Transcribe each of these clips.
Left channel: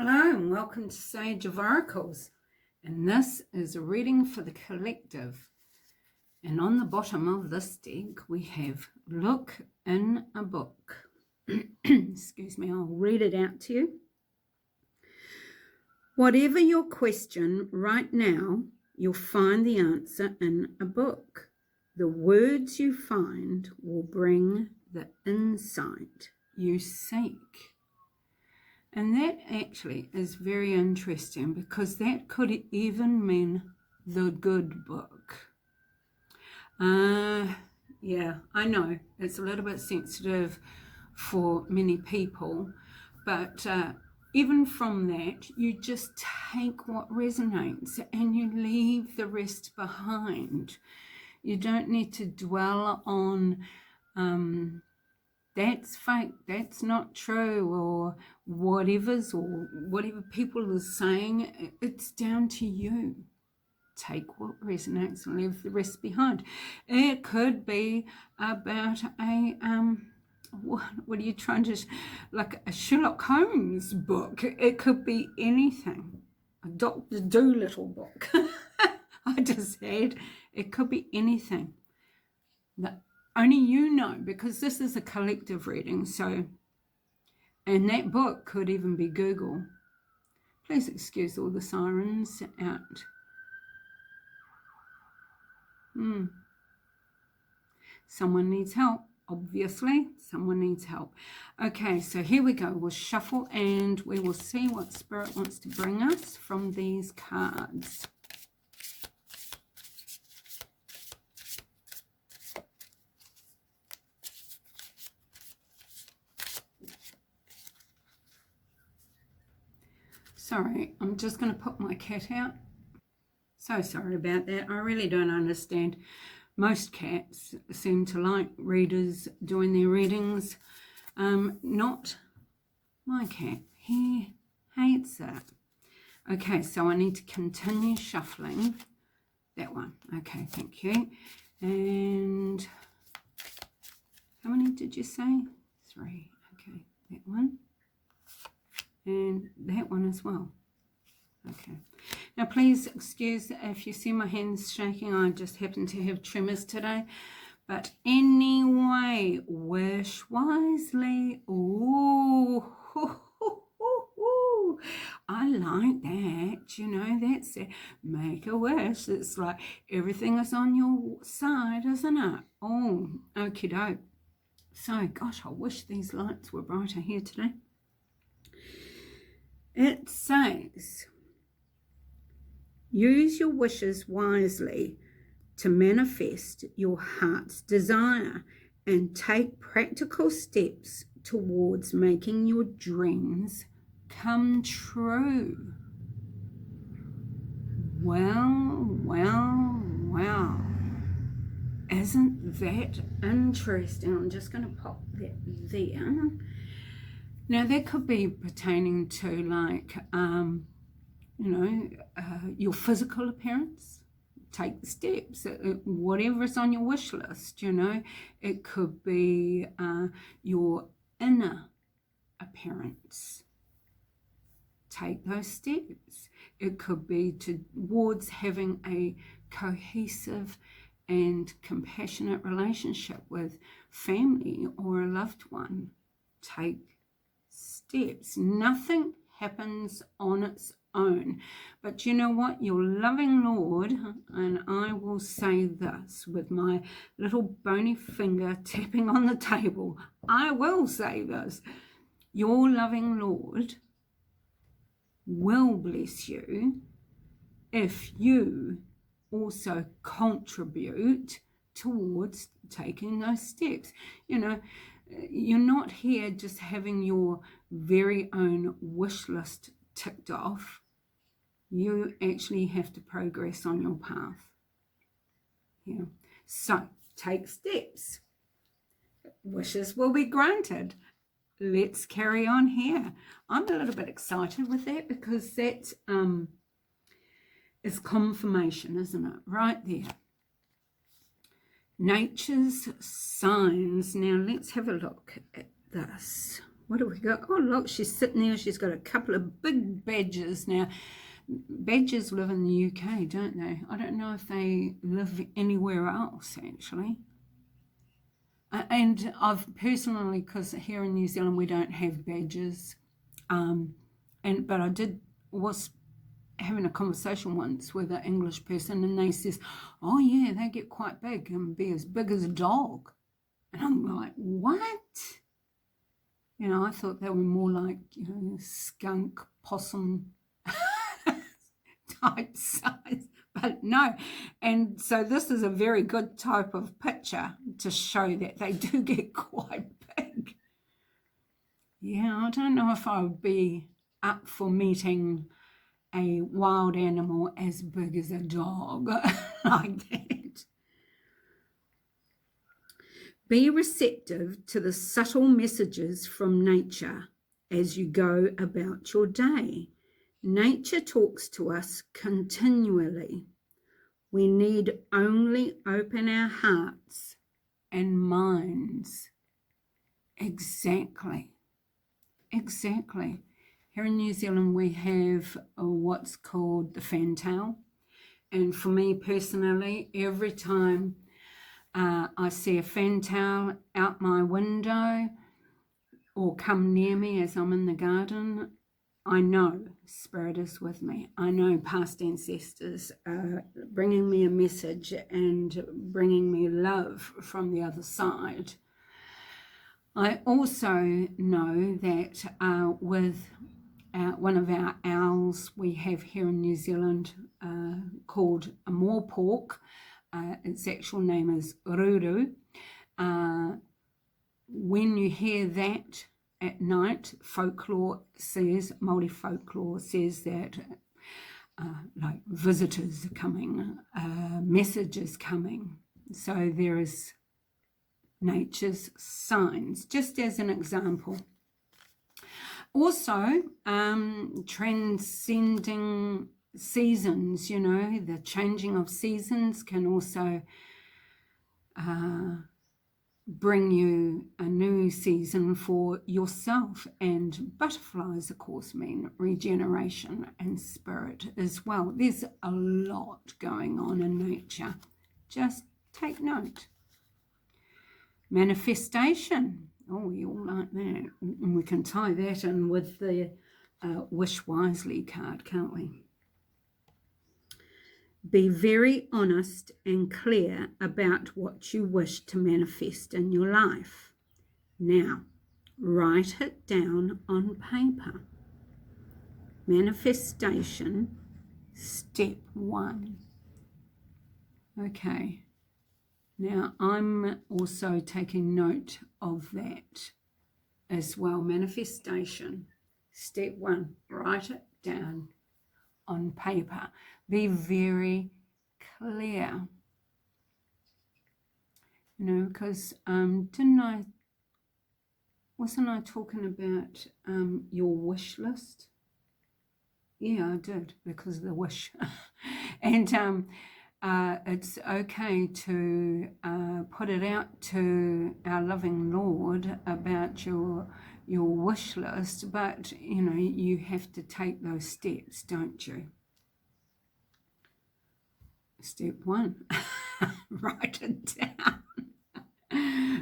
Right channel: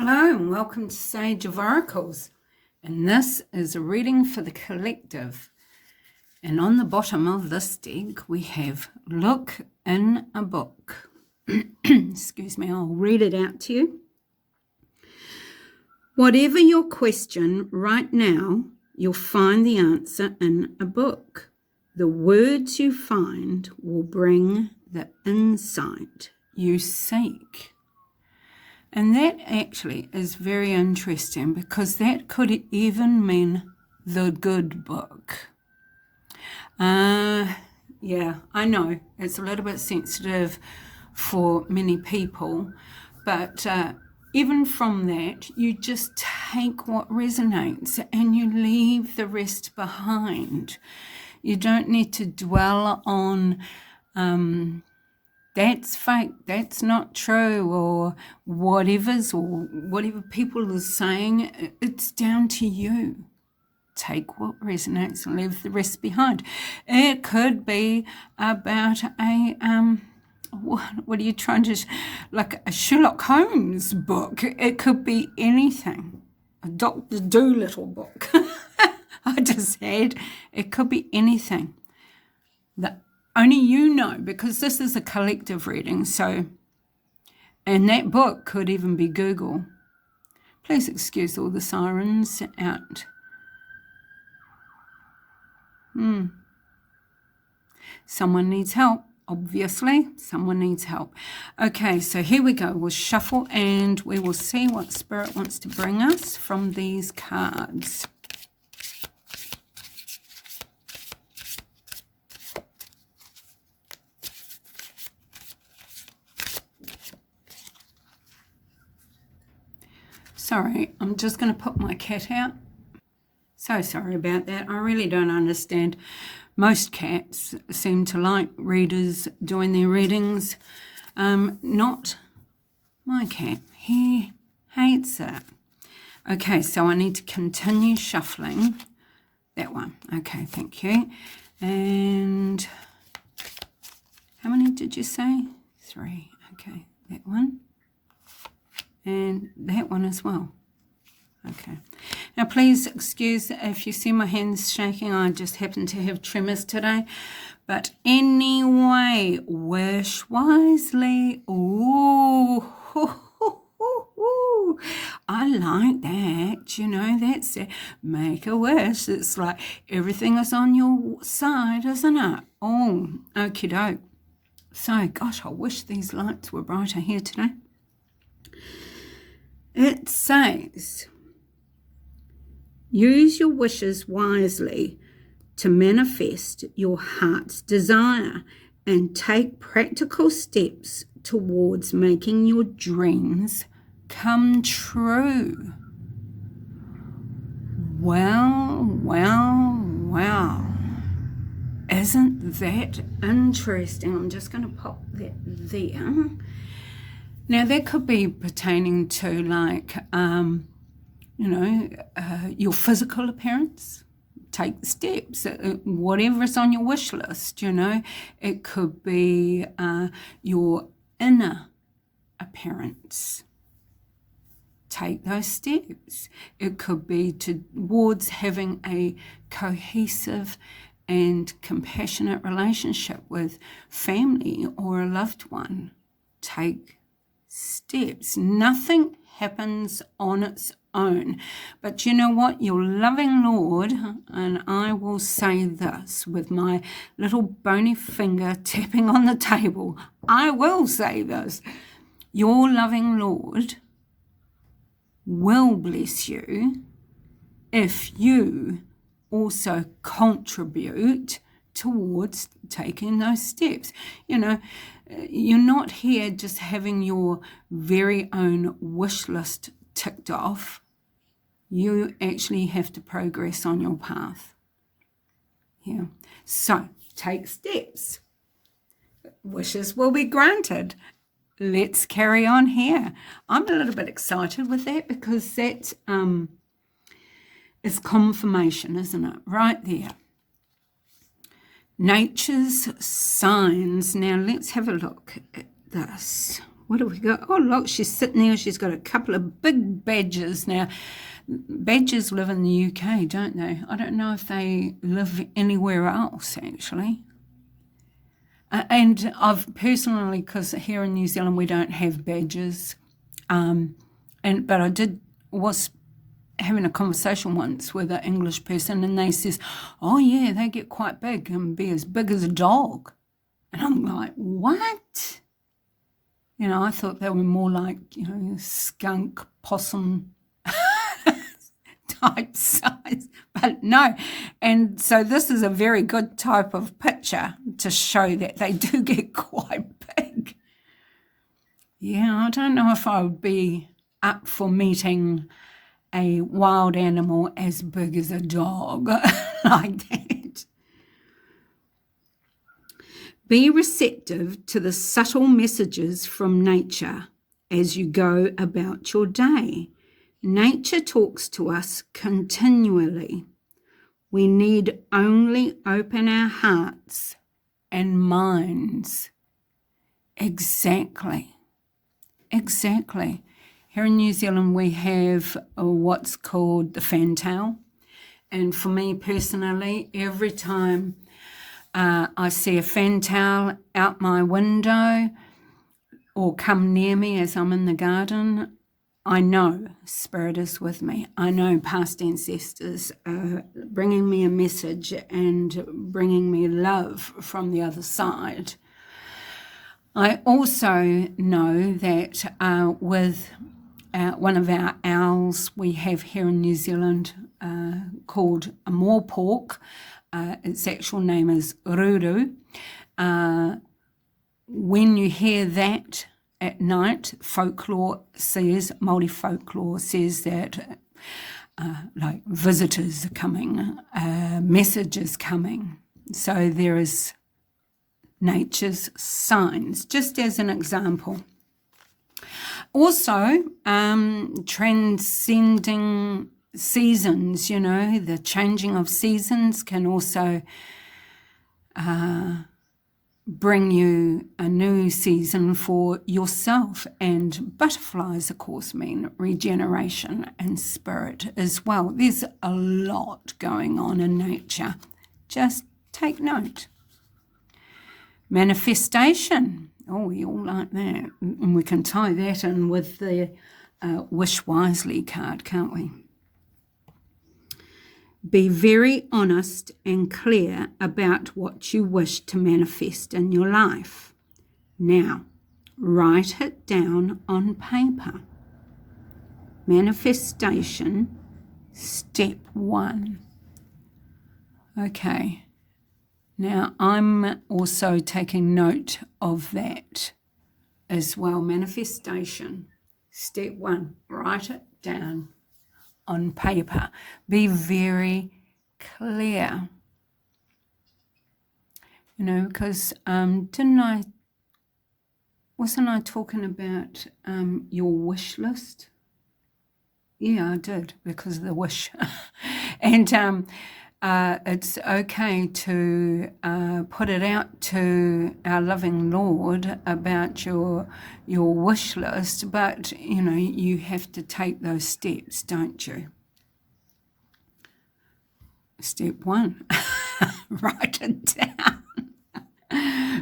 Hello and welcome to Sage of Oracles, and this is a reading for the collective. And on the bottom of this deck we have look in a book. Excuse me, I'll read it out to you. Whatever your question right now, you'll find the answer in a book. The words you find will bring the insight you seek. And that actually is very interesting because that could even mean the good book. Yeah, I know it's a little bit sensitive for many people, but even from that, you just take what resonates and you leave the rest behind. You don't need to dwell on that's fake, that's not true, or whatever people are saying. It's down to you. Take what resonates and leave the rest behind. It could be about a what are you trying to, like a Sherlock Holmes book. It could be anything. A Dr. Dolittle book. I just said it could be anything. Only you know, because this is a collective reading. So, and that book could even be Google. Please excuse all the sirens out. Someone needs help. Obviously, someone needs help. Okay, so here we go. We'll shuffle and we will see what Spirit wants to bring us from these cards. Sorry, I'm just going to put my cat out. So sorry about that. I really don't understand. Most cats seem to like readers doing their readings. Not my cat. He hates it. Okay, so I need to continue shuffling. That one. Okay, thank you. And how many did you say? 3. Okay, that one. And that one as well. Okay. Now, please excuse if you see my hands shaking. I just happen to have tremors today. But anyway, wish wisely. Ooh, I like that. You know, that's it. Make a wish. It's like everything is on your side, isn't it? Oh, okie doke. So, gosh, I wish these lights were brighter here today. It says, use your wishes wisely to manifest your heart's desire and take practical steps towards making your dreams come true. Well. Isn't that interesting? I'm just going to pop that there. Now, that could be pertaining to, like, your physical appearance. Take the steps. Whatever is on your wish list, you know. It could be your inner appearance. Take those steps. It could be towards having a cohesive and compassionate relationship with family or a loved one. Take steps. Nothing happens on its own. But you know what? Your loving Lord, and I will say this with my little bony finger tapping on the table, I will say this. Your loving Lord will bless you if you also contribute towards taking those steps. You know, you're not here just having your very own wish list ticked off. You actually have to progress on your path. Yeah. So take steps. Wishes will be granted. Let's carry on here. I'm a little bit excited with that because that is confirmation, isn't it? Right there. Nature's signs. Now let's have a look at this. what have we got? Oh, look, she's sitting there. She's got a couple of big badgers. Now, badgers live in the UK, don't they? I don't know if they live anywhere else, actually. And I've personally, because here in New Zealand we don't have badgers, but I was having a conversation once with an English person, and they says, oh yeah, they get quite big and be as big as a dog. And I'm like, what? You know, I thought they were more like, skunk, possum type size, but no. And so this is a very good type of picture to show that they do get quite big. Yeah, I don't know if I would be up for meeting a wild animal as big as a dog like that. Be receptive to the subtle messages from nature as you go about your day. Nature talks to us continually. We need only open our hearts and minds. Exactly. Here in New Zealand we have what's called the fantail. And for me personally, every time I see a fantail out my window or come near me as I'm in the garden, I know Spirit is with me. I know past ancestors are bringing me a message and bringing me love from the other side. I also know that with one of our owls we have here in New Zealand called a moorpork, its actual name is Ruru. When you hear that at night, Māori folklore says that like visitors are coming, messages coming. So there is nature's signs, just as an example. Also, transcending seasons, the changing of seasons can also bring you a new season for yourself. And butterflies, of course, mean regeneration and spirit as well. There's a lot going on in nature. Just take note. Manifestation. Oh, we all like that. And we can tie that in with the Wish Wisely card, can't we? Be very honest and clear about what you wish to manifest in your life. Now, write it down on paper. Manifestation, step 1. Okay. Now, I'm also taking note of that as well. Manifestation, step 1, write it down on paper. Be very clear. Because wasn't I talking about your wish list? Yeah, I did, because of the wish. And it's okay to put it out to our loving Lord about your wish list, but you have to take those steps, don't you? Step 1, write it down.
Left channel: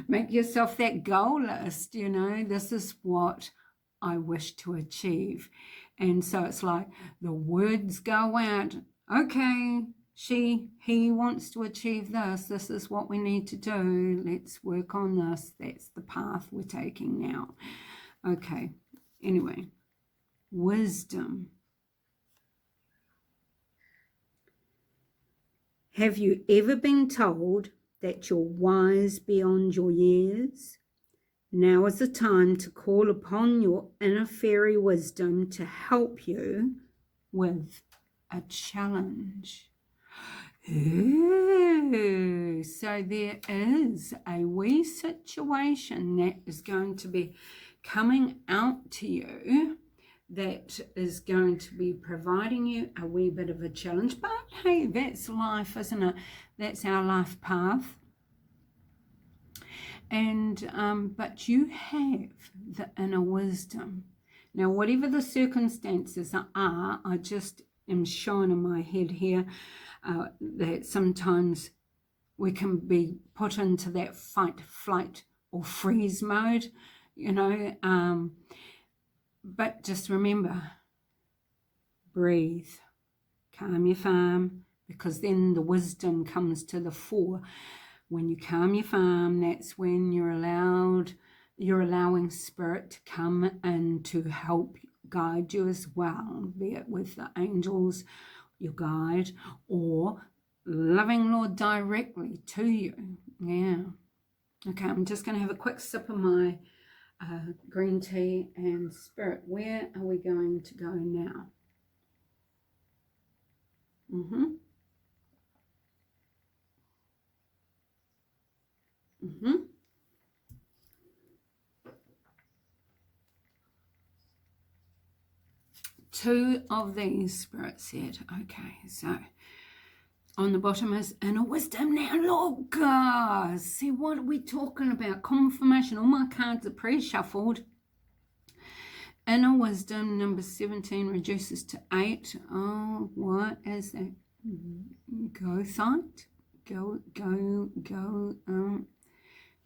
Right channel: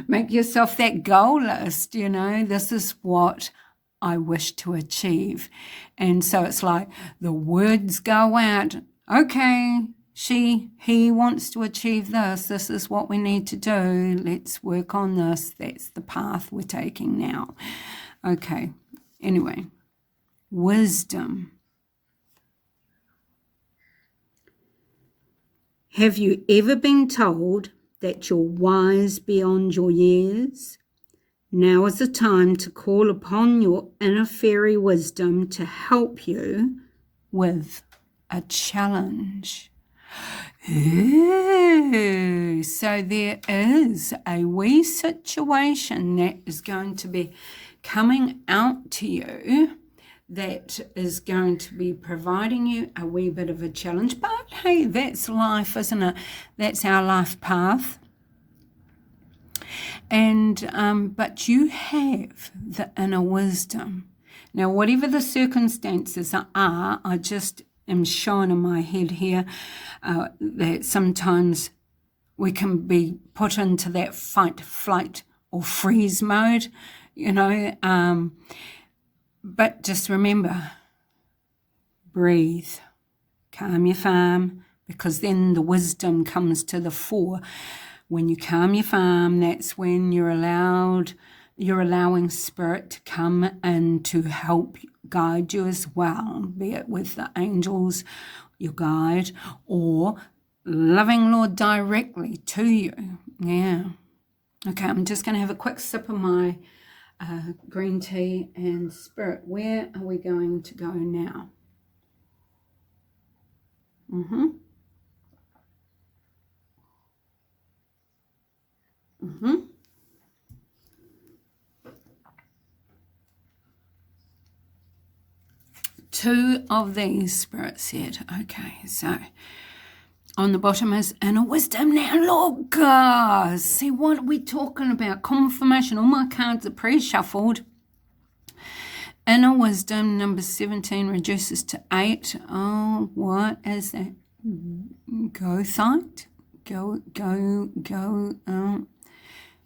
Make yourself that goal list. This is what I wish to achieve. And so it's like the words go out. Okay, he wants to achieve this. This is what we need to do. Let's work on this. That's the path we're taking now. Okay. Anyway, wisdom. Have you ever been told that you're wise beyond your years? Now is the time to call upon your inner fairy wisdom to help you with a challenge. Ooh, so there is a wee situation that is going to be coming out to you that is going to be providing you a wee bit of a challenge. But hey, that's life, isn't it? That's our life path. And but you have the inner wisdom. Now, whatever the circumstances are, I just am showing in my head here that sometimes we can be put into that fight, flight, or freeze mode, but just remember, breathe, calm your farm, because then the wisdom comes to the fore. When you calm your farm, that's when you're allowing spirit to come and to help guide you as well, be it with the angels, your guide, or loving Lord directly to you. Yeah. Okay, I'm just going to have a quick sip of my green tea. And spirit, where are we going to go now? Two of these, Spirit said. Okay, so on the bottom is inner wisdom. Now look, see what we're talking about. Confirmation. All my cards are pre-shuffled. Inner wisdom, number 17, reduces to 8. Oh, what is that? Gothite? Go.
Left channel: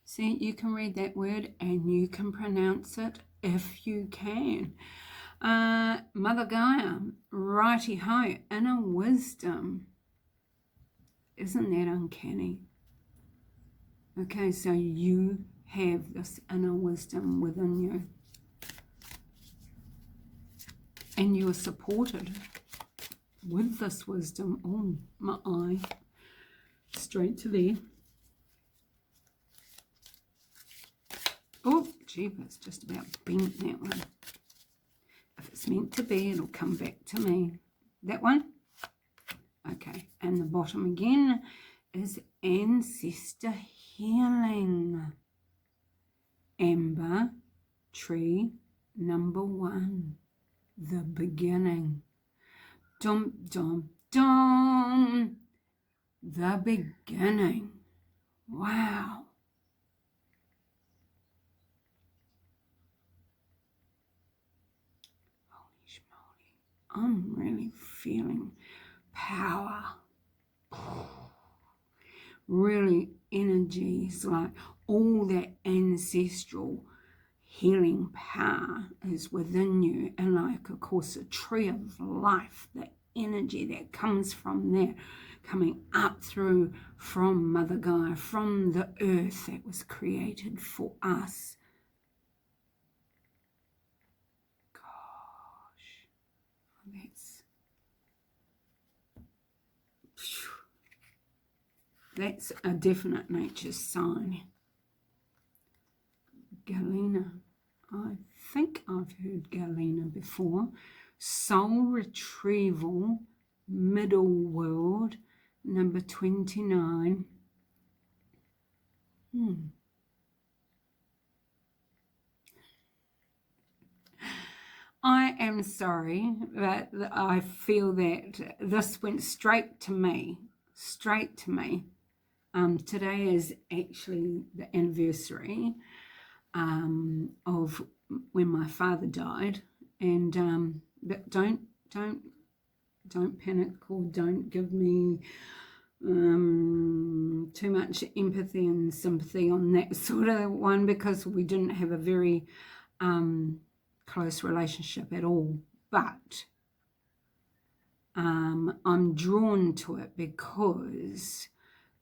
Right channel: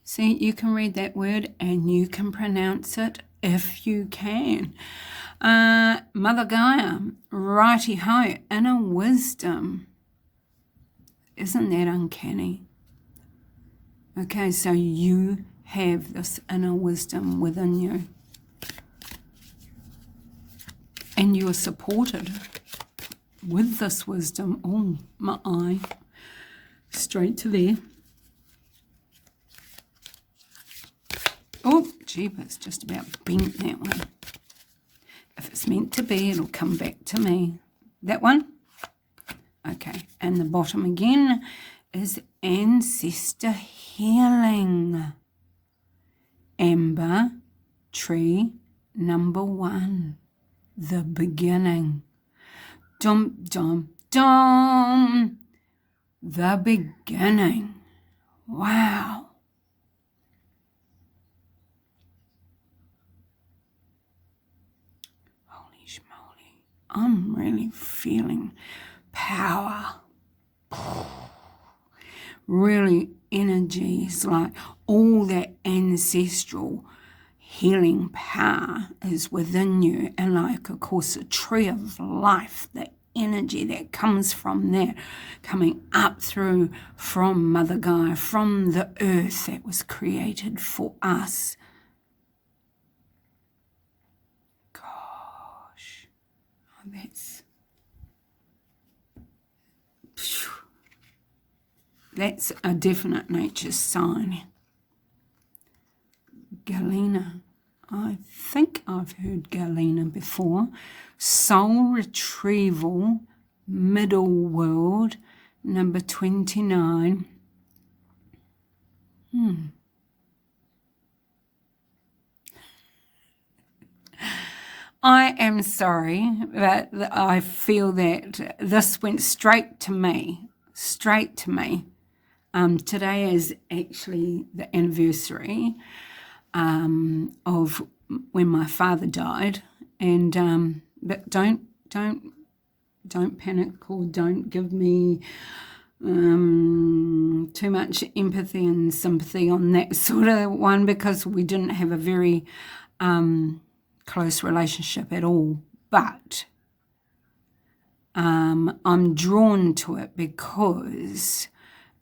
See, you can read that word and you can pronounce it if you can. Mother Gaia, righty-ho, inner wisdom. Isn't that uncanny? Okay, so you have this inner wisdom within you. And you are supported with this wisdom. Oh, my eye. Straight to there. Oh, jeepers, just about bent that one. If it's meant to be, it'll come back to me. That one? Okay, and the bottom again is ancestor healing. Amber tree number 1, the beginning. Dum, dum, dum. The beginning. Wow. Holy schmoly. I'm really feeling power. Really energies, like all that ancestral healing power is within you. And like, of course, a tree of life, the energy that comes from that, coming up through from Mother Gaia, from the earth that was created for us. Gosh, that's a definite nature sign. Galena. I think I've heard Galena before. Soul retrieval, middle world, number 29. I am sorry, but I feel that this went straight to me. Today is actually the anniversary of when my father died, and but don't panic, or don't give me too much empathy and sympathy on that sort of one, because we didn't have a very close relationship at all. But I'm drawn to it because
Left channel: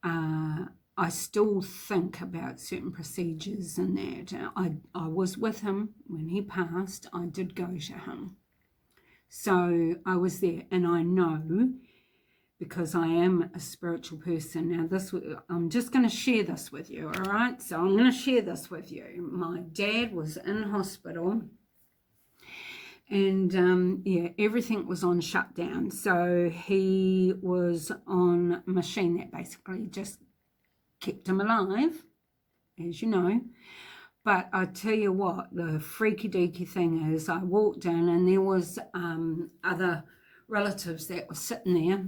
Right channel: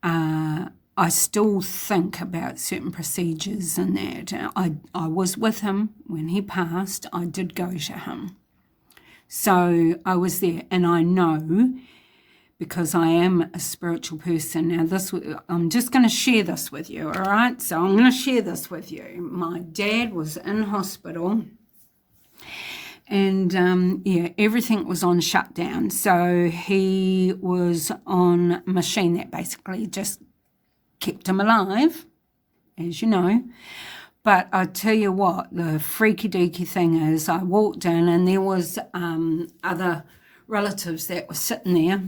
I still think about certain procedures and that. I was with him when he passed. I did go to him. So I was there, and I know, because I am a spiritual person. Now I'm just going to share this with you, all right? So I'm going to share this with you. My dad was in hospital, and everything was on shutdown. So he was on a machine that basically just kept him alive, as you know. But I tell you what, the freaky deaky thing is, I walked in and there was other relatives that were sitting there,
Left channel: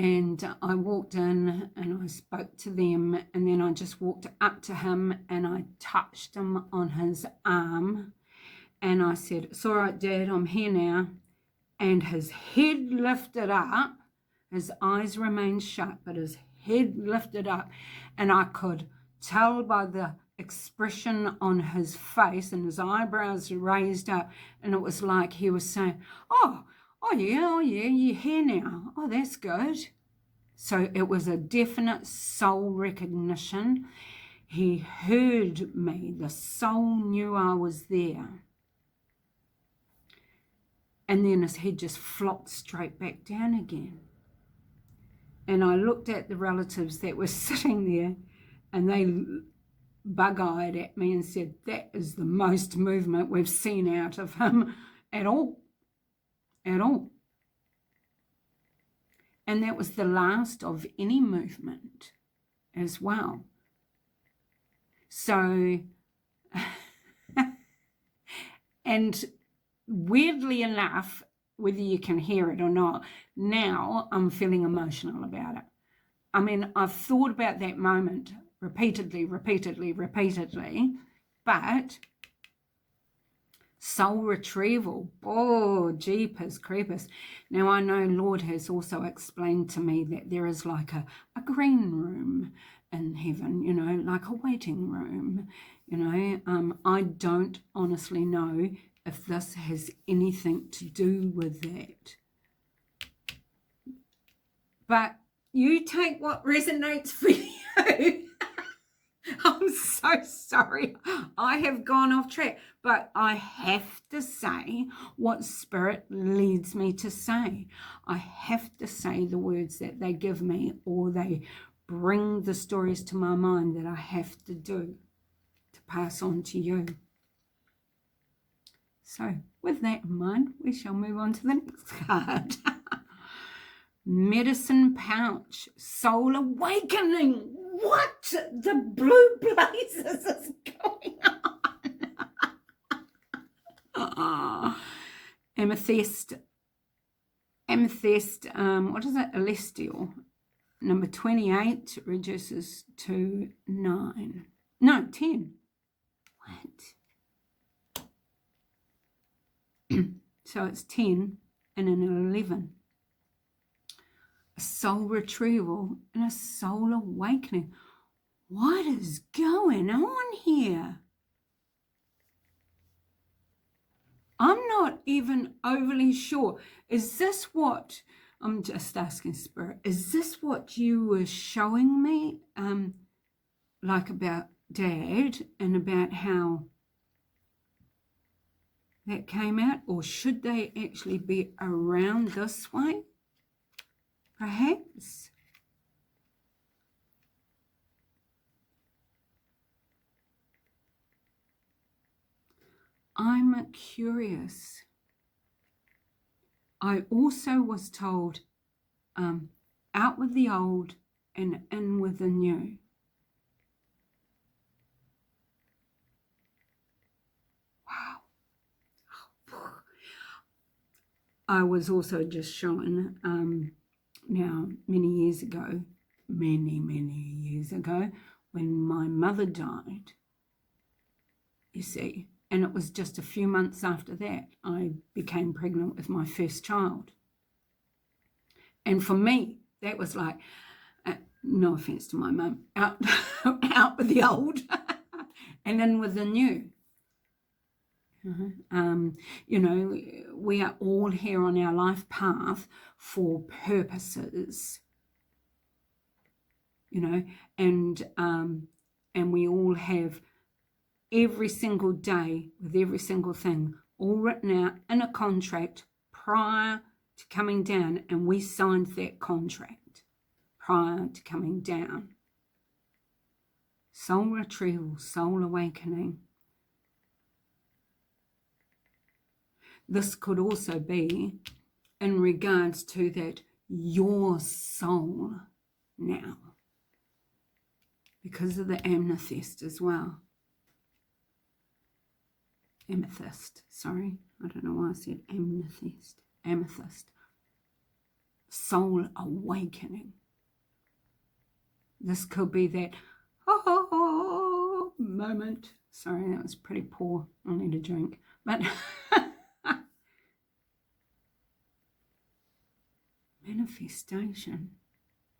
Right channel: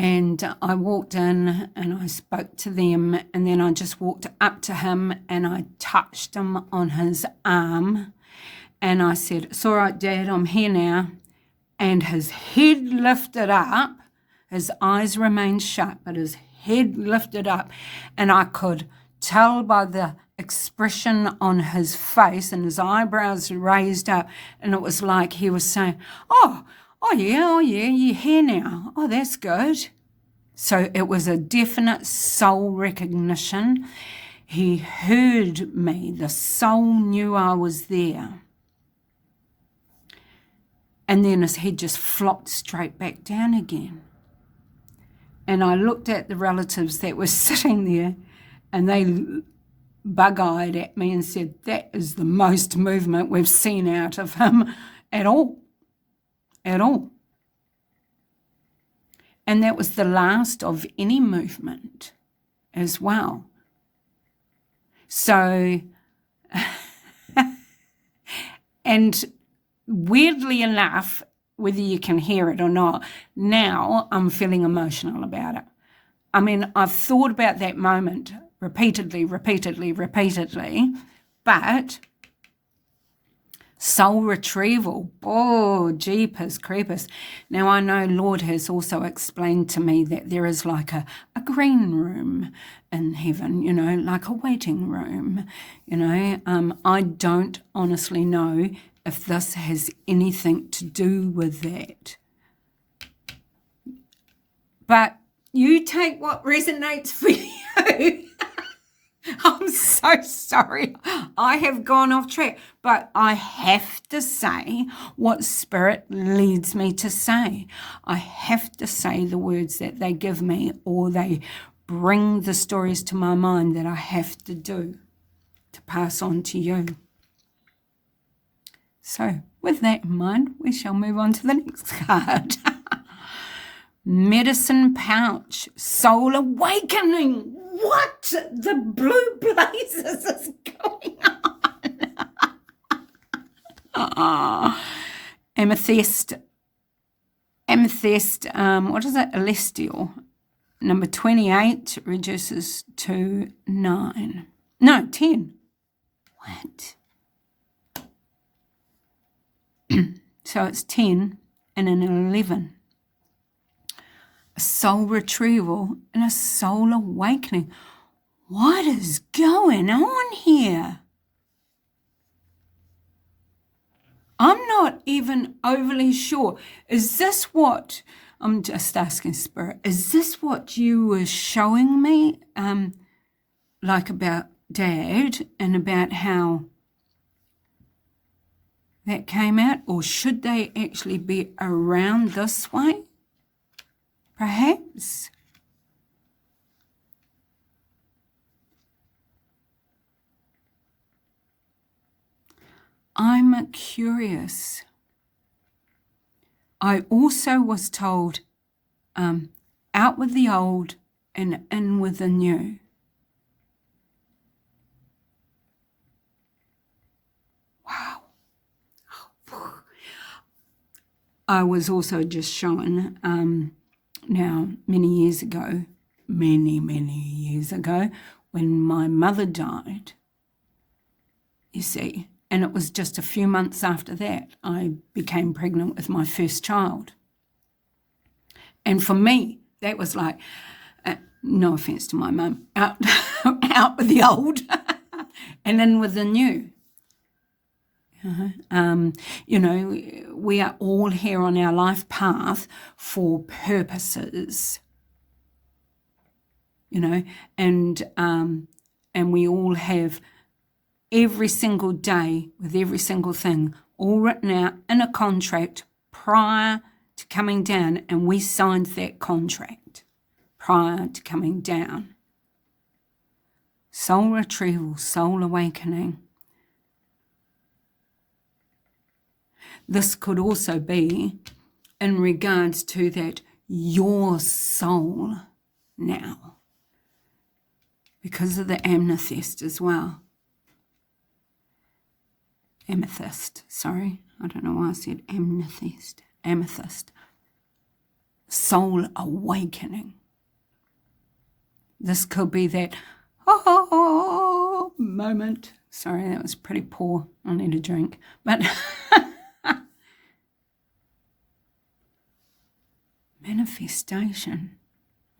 And I walked in and I spoke to them, and then I just walked up to him and I touched him on his arm and I said, "It's all right, Dad, I'm here now." And his head lifted up, his eyes remained shut, but his head lifted up, and I could tell by the expression on his face and his eyebrows raised up, and it was like he was saying, oh yeah, you're here now. Oh, that's good. So it was a definite soul recognition. He heard me. The soul knew I was there. And then his head just flopped straight back down again. And I looked at the relatives that were sitting there, and they bug-eyed at me and said, "That is the most movement we've seen out of him at all. At all." And that was the last of any movement as well. So, and weirdly enough, whether you can hear it or not, now I'm feeling emotional about it. I mean, I've thought about that moment repeatedly, but soul retrieval, oh, jeepers creepers. Now, I know Lord has also explained to me that there is like a green room in heaven, you know, like a waiting room, you know. I don't honestly know if this has anything to do with that. But you take what resonates for you. I'm so sorry. I have gone off track, but I have to say what Spirit leads me to say. I have to say the words that they give me, or they bring the stories to my mind that I have to do to pass on to you. So with that in mind, we shall move on to the next card. Medicine pouch, soul awakening. What the blue blazes is going on? Amethyst, what is it? Celestial. Number 28 reduces to 9. No, 10. What? So it's 10 and an 11. A soul retrieval and a soul awakening. What is going on here? I'm not even overly sure. Is this what, I'm just asking Spirit, is this what you were showing me, like about Dad and about how that came out? Or should they actually be around this way? Perhaps. I'm curious. I also was told, out with the old and in with the new. Wow. I was also just shown, now many years ago, many years ago, when my mother died, you see, and it was just a few months after that I became pregnant with my first child. And for me, that was like, no offense to my mum, out with the old and in with the new. You know, we are all here on our life path for purposes, you know, and we all have every single day with every single thing all written out in a contract prior to coming down, and we signed that contract prior to coming down. Soul retrieval, soul awakening. This could also be in regards to that your soul now, because of the amethyst as well. Amethyst, sorry. I don't know why I said amethyst. Amethyst. soul awakening. This could be that oh moment. Sorry, that was pretty poor. I need a drink. But manifestation.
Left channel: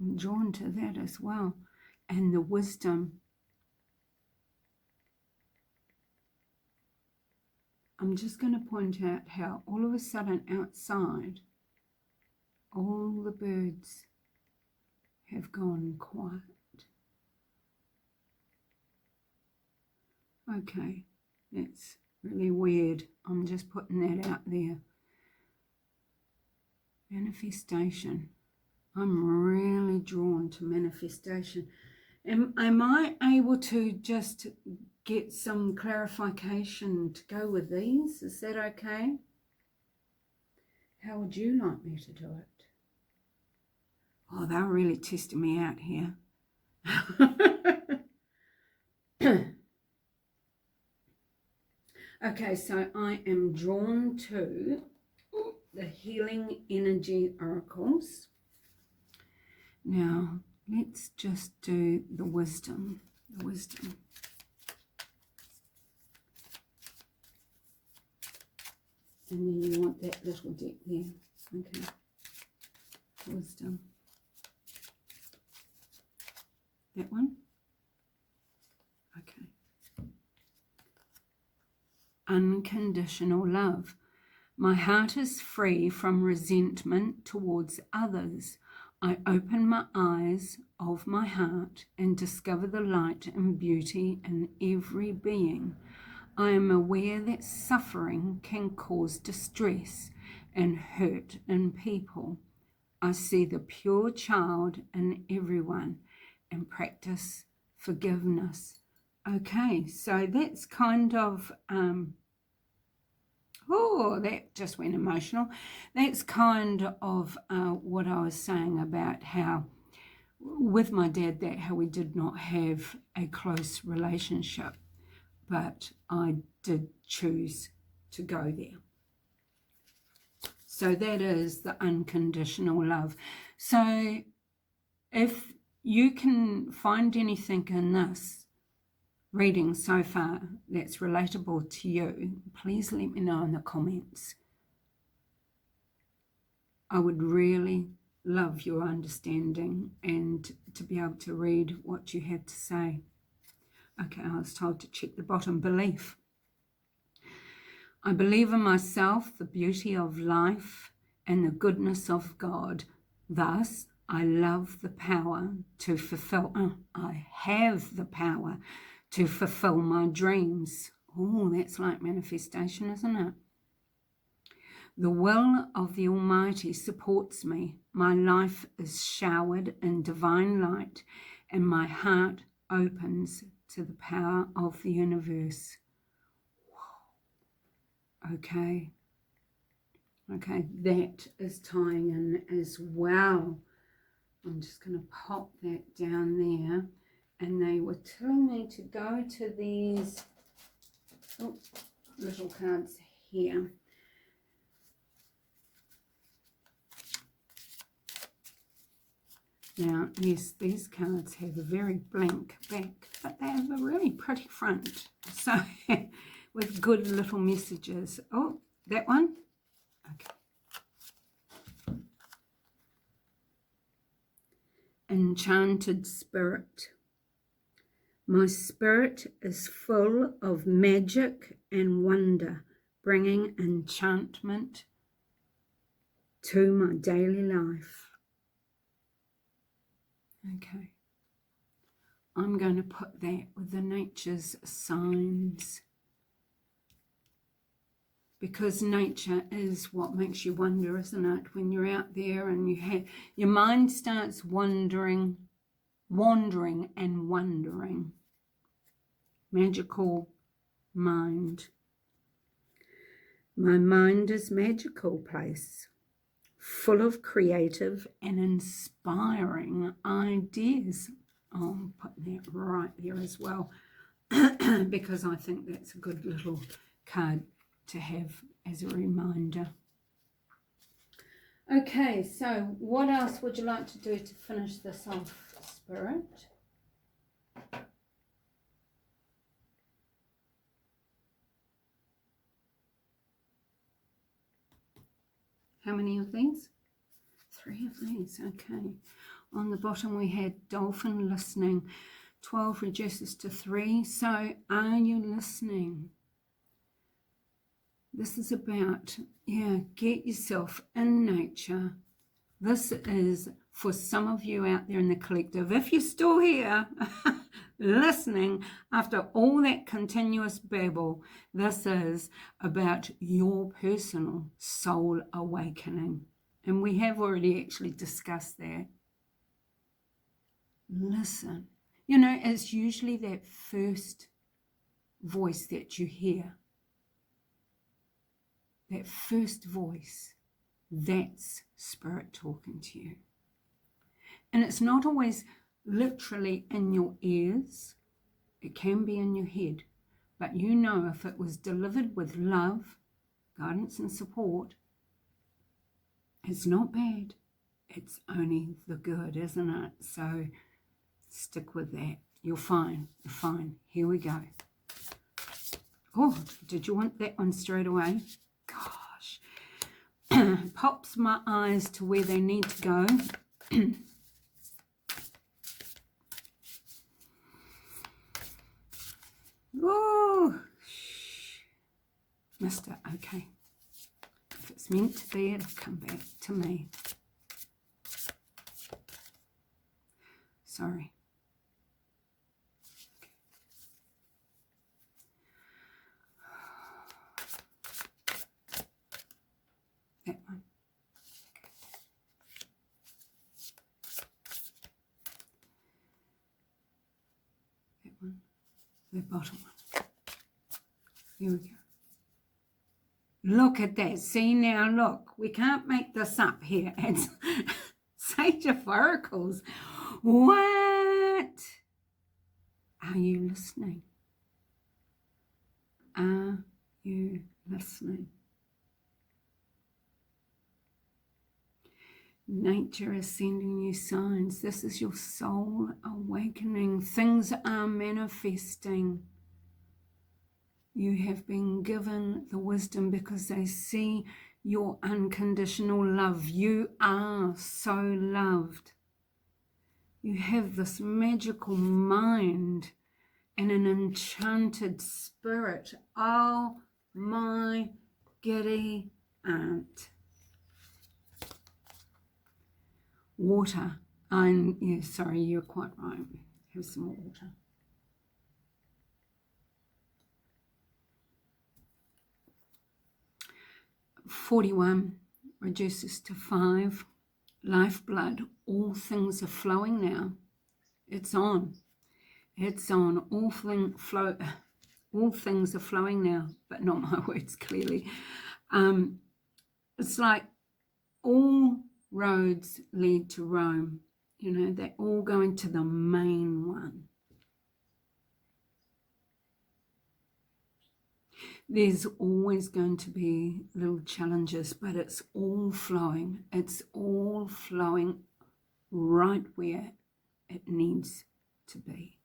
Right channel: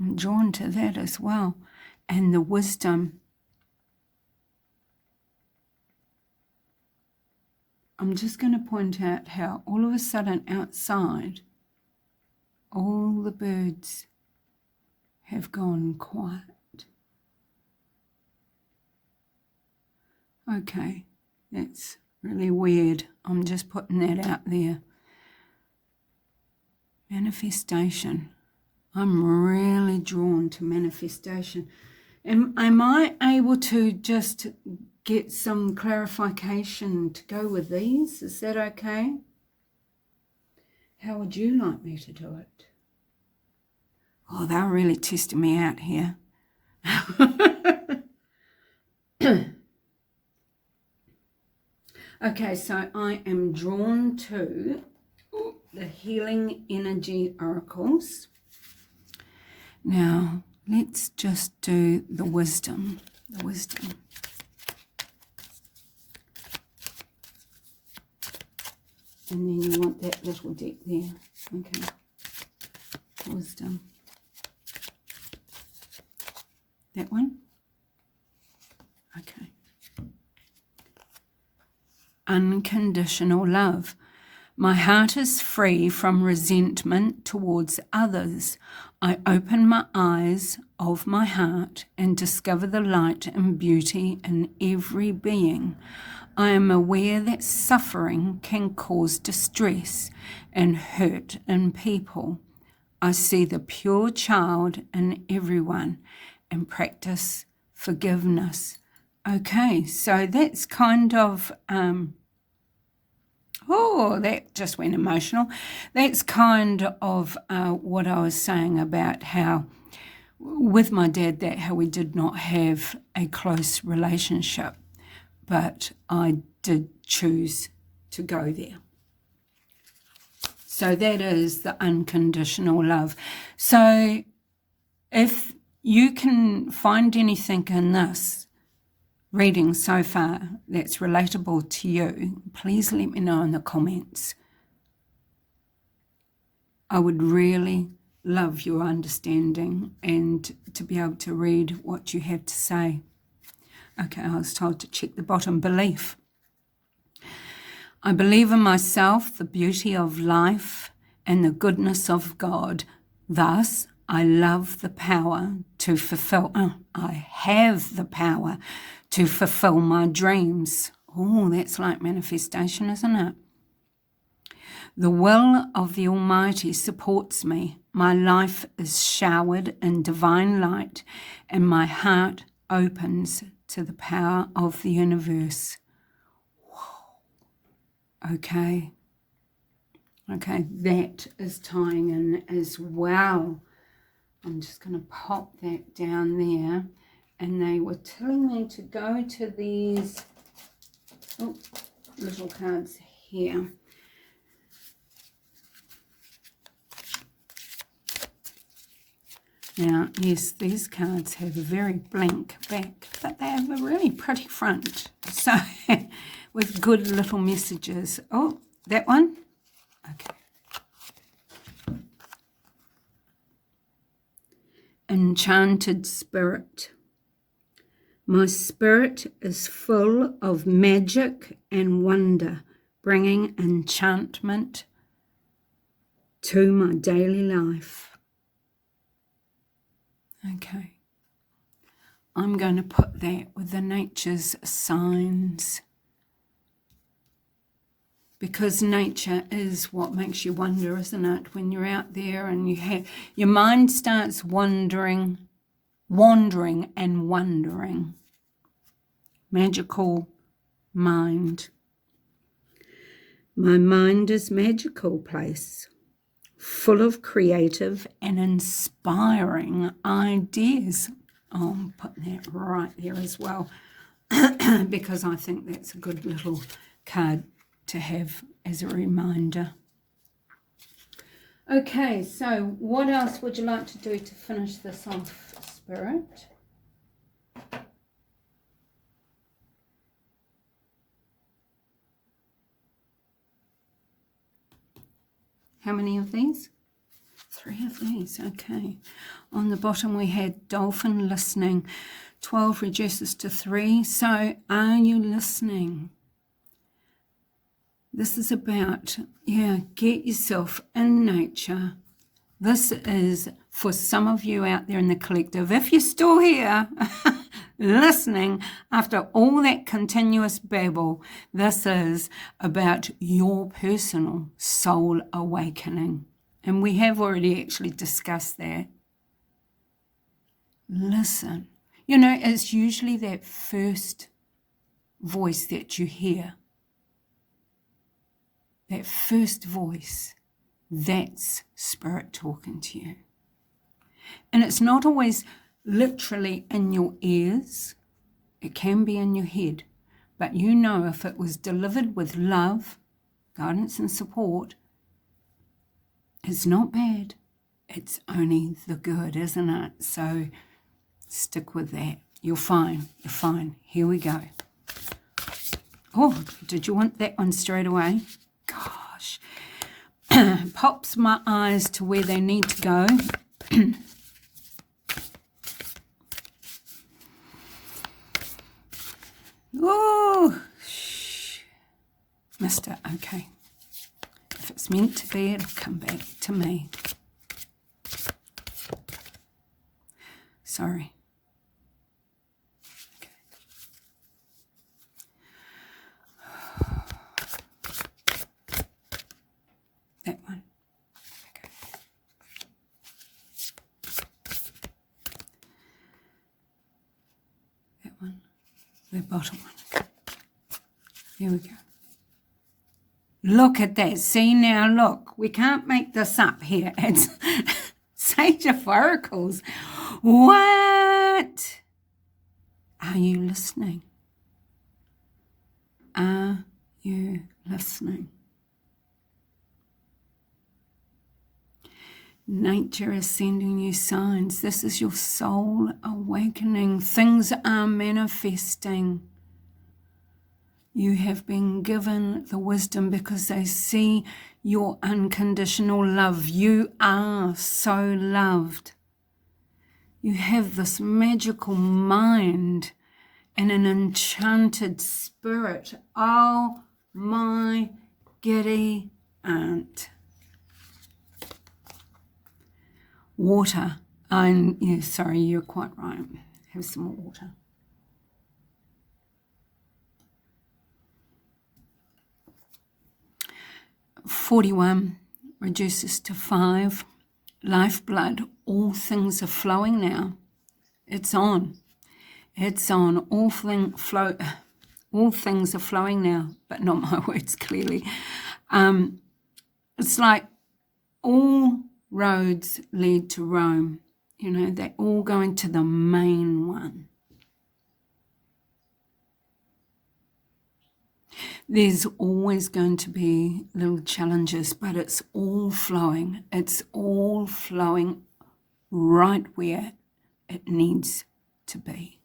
I'm drawn to that as well. And the wisdom. I'm just going to point out how all of a sudden outside, all the birds have gone quiet. Okay, that's really weird. I'm just putting that out there. Manifestation. I'm really drawn to manifestation. Am I able to just get some clarification to go with these? Is that okay? How would you like me to do it? Oh, they're really testing me out here. Okay, so I am drawn to the Healing Energy Oracles. Now, let's just do the wisdom. The wisdom. And then you want that little deck there. Okay. Wisdom. That one? Okay. Unconditional love. My heart is free from resentment towards others. I open my eyes of my heart and discover the light and beauty in every being. I am aware that suffering can cause distress and hurt in people. I see the pure child in everyone and practice forgiveness. Okay, so that's kind of, that just went emotional. That's kind of what I was saying about how, with my dad, how we did not have a close relationship, but I did choose to go there. So that is the unconditional love. So if you can find anything in this reading so far that's relatable to you, please let me know in the comments. I would really love your understanding and to be able to read what you have to say. Okay, I was told to check the bottom. Belief. I believe in myself, the beauty of life, and the goodness of God. Thus, I love the power to fulfill. I have the power to fulfill my dreams. Oh, that's like manifestation, isn't it? The will of the Almighty supports me. My life is showered in divine light, and my heart opens to the power of the universe. Okay, that is tying in as well. I'm just going to pop that down there. And they were telling me to go to these little cards here. Now, yes, these cards have a very blank back, but they have a really pretty front. So, with good little messages. Oh, that one? Okay. Enchanted spirit. My spirit is full of magic and wonder, bringing enchantment to my daily life. Okay. I'm going to put that with the nature's signs, because nature is what makes you wonder, isn't it? When you're out there and your mind starts wandering and wondering. Magical mind. My mind is magical place, full of creative and inspiring ideas. Oh, I'm putting that right there as well, because I think that's a good little card to have as a reminder. Okay, so what else would you like to do to finish this off, Spirit? How many of these? 3 of these, okay. On the bottom we had dolphin listening. 12 reduces to 3. So are you listening? This is about, get yourself in nature. This is for some of you out there in the collective. If you're still here listening after all that continuous babble, this is about your personal soul awakening. And we have already actually discussed that. Listen. You know, it's usually that first voice that you hear. That first voice. That's spirit talking to you. And it's not always literally in your ears. It can be in your head. But you know if it was delivered with love, guidance and support, it's not bad. It's only the good, isn't it? So stick with that. You're fine. You're fine. Here we go. Oh, did you want that one straight away? Gosh. Pops my eyes to where they need to go. Oh, missed it. Okay. If it's meant to be, it'll come back to me. Sorry. Okay. That one. Okay. That one. The bottom one. There we go. Look at that. See now, look. We can't make this up here. It's SageOfOracles. What? Are you listening? Are you listening? Nature is sending you signs. This is your soul awakening. Things are manifesting. You have been given the wisdom because they see your unconditional love. You are so loved. You have this magical mind and an enchanted spirit. Oh, my giddy aunt. Water. Yeah, sorry, you're quite right. Have some more water. $41 reduces to 5. Lifeblood. All things are flowing now. It's on. It's on. All things are flowing now, but not my words clearly. It's like all roads lead to Rome. You know, they're all going to the main one. There's always going to be little challenges, but it's all flowing. It's all flowing right where it needs to be.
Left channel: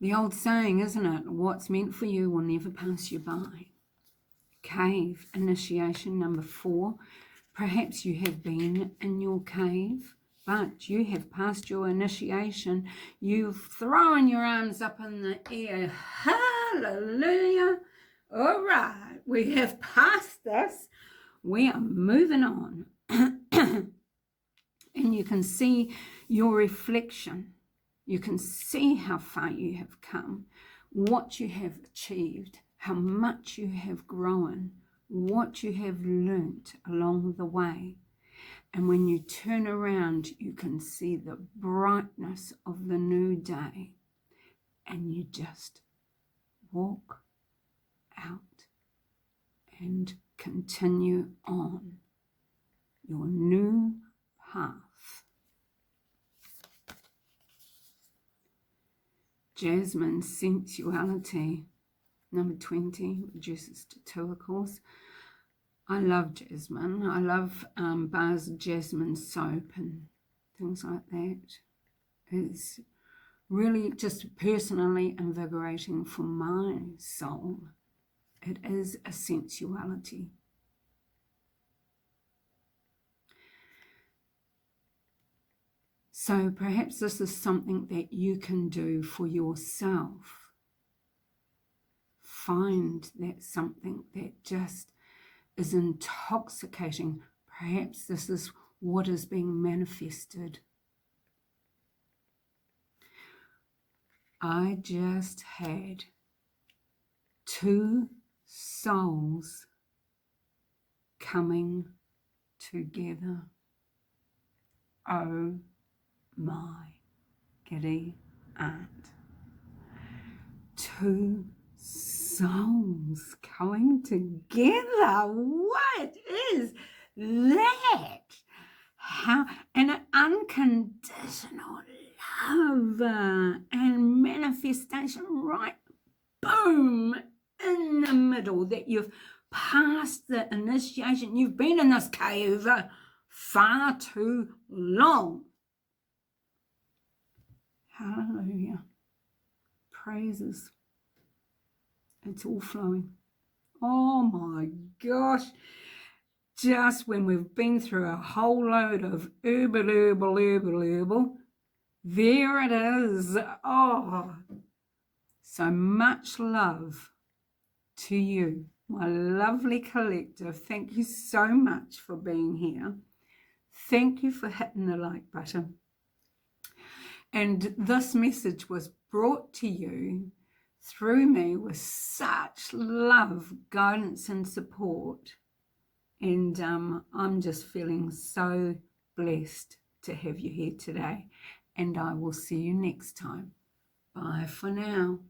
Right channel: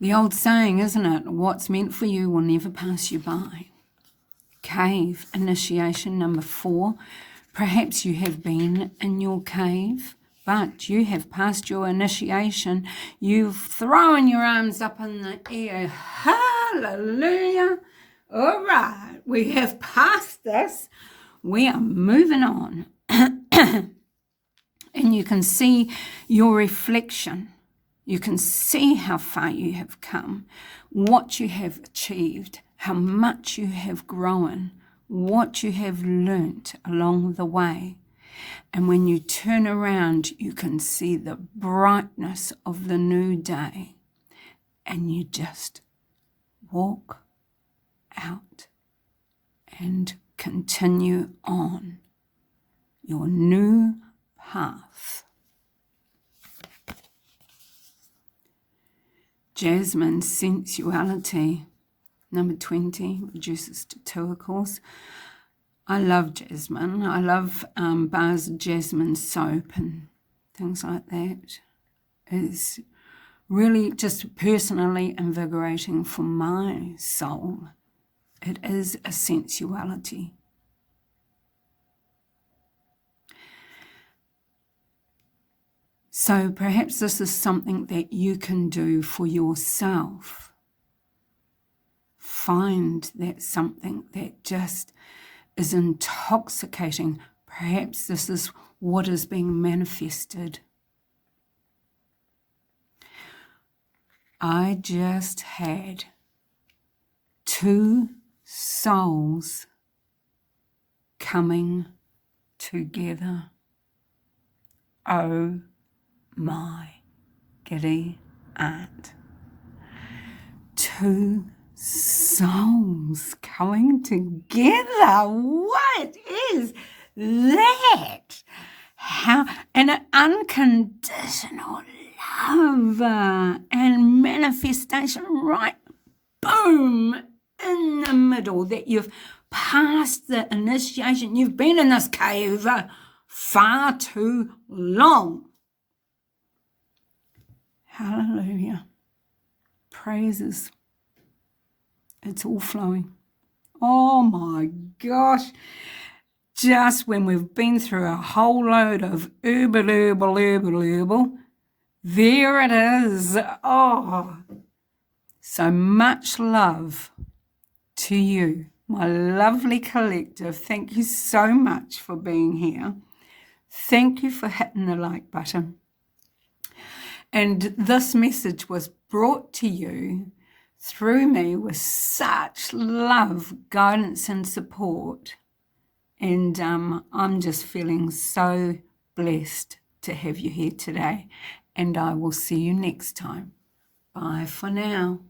The old saying, isn't it? What's meant for you will never pass you by. Cave initiation number 4. Perhaps you have been in your cave, but you have passed your initiation. You've thrown your arms up in the air. Hallelujah. All right, we have passed this. We are moving on. And you can see your reflection. You can see how far you have come, what you have achieved, how much you have grown, what you have learnt along the way. And when you turn around, you can see the brightness of the new day. And you just walk out and continue on your new path. Jasmine, sensuality. Number 20 reduces to 2, of course. I love jasmine. I love bars of jasmine soap and things like that. It's really just personally invigorating for my soul. It is a sensuality. So perhaps this is something that you can do for yourself. Find that something that just is intoxicating. Perhaps this is what is being manifested. I just had 2 souls coming together. Oh my giddy aunt. 2 souls coming together. What is that? How, and an unconditional love and manifestation right, boom, in the middle, that you've passed the initiation. You've been in this cave far too long. Hallelujah. Praises. It's all flowing. Oh my gosh. Just when we've been through a whole load of herbal, there it is. Oh, so much love to you, my lovely collective. Thank you so much for being here. Thank you for hitting the like button. And this message was brought to you through me with such love, guidance, and support. And I'm just feeling so blessed to have you here today. And I will see you next time. Bye for now.